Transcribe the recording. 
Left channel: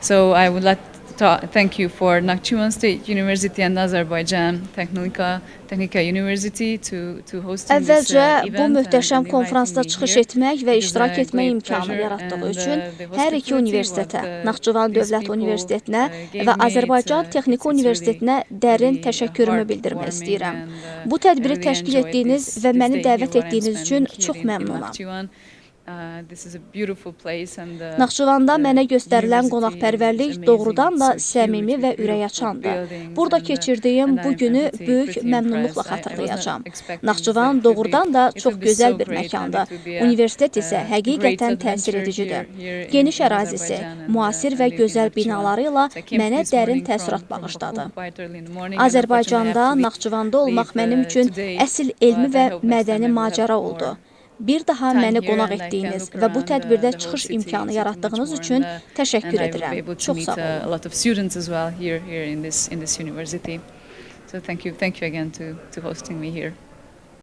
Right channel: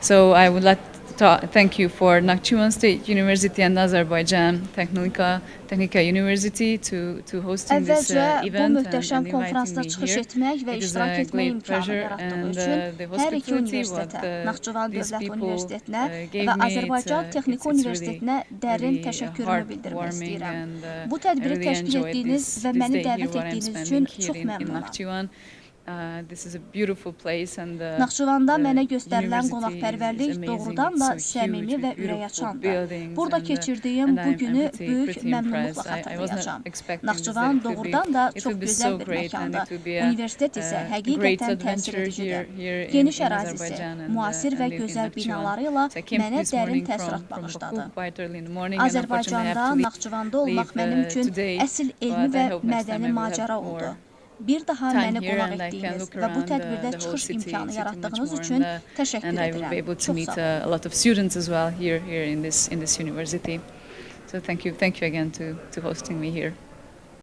So I would like to thank you for Nakhchivan State University and Azerbaijan Technica University to hosting this Əvvəlcə bu event möhtəşəm and inviting konfransda me çıxış here. etmək və It is iştirak a etmək great imkanı pleasure yaratdığı and üçün the hər iki hospitality universitetə, what Naxçıvan these Dövlət people Universitetinə gave və me, Azərbaycan Texniki it's Universitetinə dərin really təşəkkürümü bildirmək heartwarming istəyirəm. and, Bu I tədbiri really təşkil enjoyed etdiyiniz this və məni day here dəvət what I'm etdiyiniz üçün spending çox here in məmnunam. Nakhchivan. This is a beautiful place and Naxçıvanda mənə göstərilən university is qonaqpərvərlik amazing. doğrudan da It's so səmimi huge və with beautiful ürəkaçandır. buildings Burada and, keçirdiyim and bu I'm günü pretty böyük məmnunluqla impressed. I wasn't xatırlayacağam. expecting this, Naxçıvan that it would doğrudan da it çox would be gözəl so bir great and məkandır. it would be a Universitet isə great həqiqətən təsir adventure edicidir. here Geniş in ərazisi, Azerbaijan müasir və and in gözəl Nakhchivan. binaları ilə So I came mənə this dərin morning təəssürat from bağışladı. Baku quite early in the morning and unfortunately I have Azərbaycanda, to Naxçıvanda olmaq leave, mənim üçün today, əsl elmi but I və hope next time mədəni I will have macəra more oldu. Bir daha time məni here qonaq and I can etdiyiniz look və bu around tədbirdə the whole çıxış city imkanı much yaratdığınız more üçün and təşəkkür I will be edirəm. able to Çox meet sağ olun. a lot of students as well here in this university. So thank you again to hosting me here.